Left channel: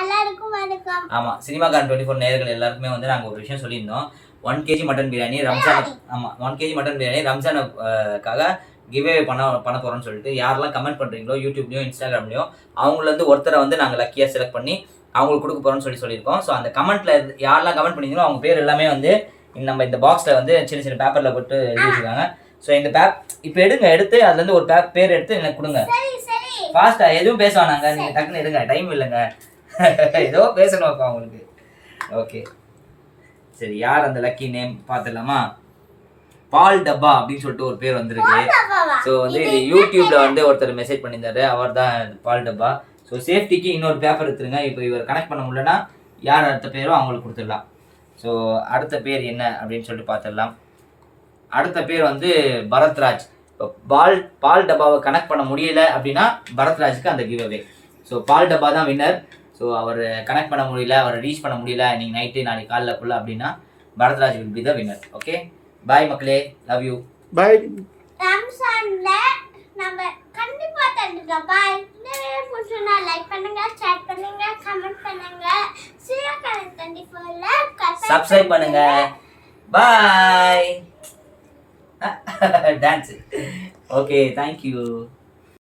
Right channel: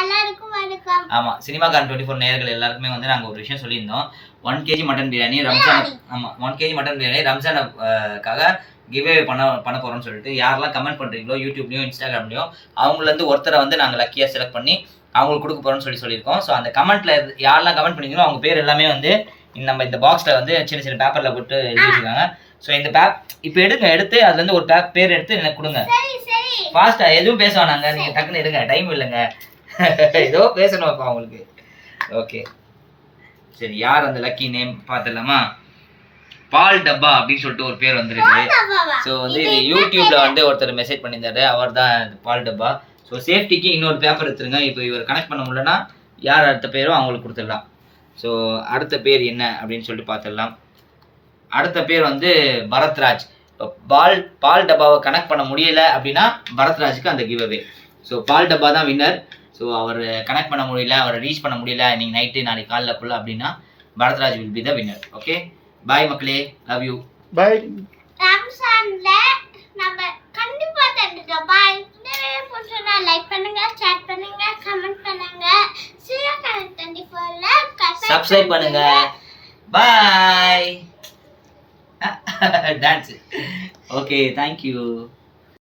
எல்லாருக்கும் வணக்கம். ஆமா, சினிமாக்காரன் 24 நேயர்கள் எல்லாருக்குமே வந்து நாங்க ஒரு விஷயம் சொல்லியிருந்தோம். 1 kg மட்டன் பிரியாணி ரம்ஜான். ஆமா, 1 kg மட்டன் பிரியாணி ரம்ஜானுக்காக கிவ்அவே பண்ண போறோம்னு சொல்லிட்டு யாரெல்லாம் கமெண்ட் பண்றீங்களோ யூடியூப்லயும் இன்ஸ்டாகிராம்லயும் அவங்கள இருந்து ஒருத்தரை வந்து நாங்க லக்கியா செலக்ட் பண்ணி அவங்களுக்கு கொடுக்க போறோம்னு சொல்லியிருக்கோம். ஸோ அந்த கமெண்ட்ல யாரெல்லாம் கமெண்ட் பண்ணீங்களோ அவங்க பேர் எல்லாமே வந்து நம்ம இந்த பாக்ஸ்ல வந்து சின்ன சின்ன பேப்பர்ல போட்டு எழுதி வச்சிருக்காங்க. ஸோ இந்த இப்போ எடுத்து அதுல இருந்து ஒரு பேர் எடுத்து எனக்கு கொடுங்க. ஃபாஸ்டா எதுவும் பேச வேணாங்க, நீங்க டக்குன்னு எடுங்க, டைம் இல்லைங்க. ஏதோ பேசணும்ப்பா உங்களுக்கு. ஓகே சரி, யார் அந்த லக்கி நேம் பார்த்துடலாமா? பால் டப்பா அப்படின்னு சொல்லிட்டு ஒரு பேர் வந்துருக்கு. ஸோ வந்து இது யூடியூப்ல வந்து ஒருத்தர் மெசேஜ் பண்ணியிருந்தாரு, அவர் தான் பால் டப்பா. ஸோ சேஃப்டிக்கு இன்னொரு பேப்பர் எடுத்துருங்க. இப்போ இவர் கனெக்ட் பண்ண முடியலன்னா யார் அடுத்த பேரோ அவங்களுக்கு கொடுத்துடலாம். ஸோ அடுத்த பேர் என்ன அப்படின்னு சொல்லிட்டு பார்த்துடலாம். அடுத்த பேர் வந்து பரத்ராஜ். இப்போ பால் டப்பாவை கனெக்ட் பண்ண முடியல அப்படின்னா பரத்ராஜுக்கு அந்த கிவ் அவே. ஸோ பால் டப்பா தான் வின்னர். ஸோ அவர் கனெக்ட் பண்ண முடியல, அவரை ரீச் பண்ண முடியல இன்னைக்கு நைட்டு நாளைக்கு காலைலக்குள்ள அப்படின்னா Bharathraj will be the winner. Okay bye மக்களே, லவ் யூ. பாய். ரம்ஜான்ல நம்ம கண்டிப்பா தந்துட்டோம். பாய். இந்த வீடியோ பிடிச்சிருந்தா லைக் பண்ணுங்க, ஷேர் பண்ணுங்க, கமெண்ட் பண்ணுங்க. சினிமாக்காரன் 24ல சப்ஸ்கிரைப் பண்ணுங்க. பாய். டான்ஸ். Okay, thank you.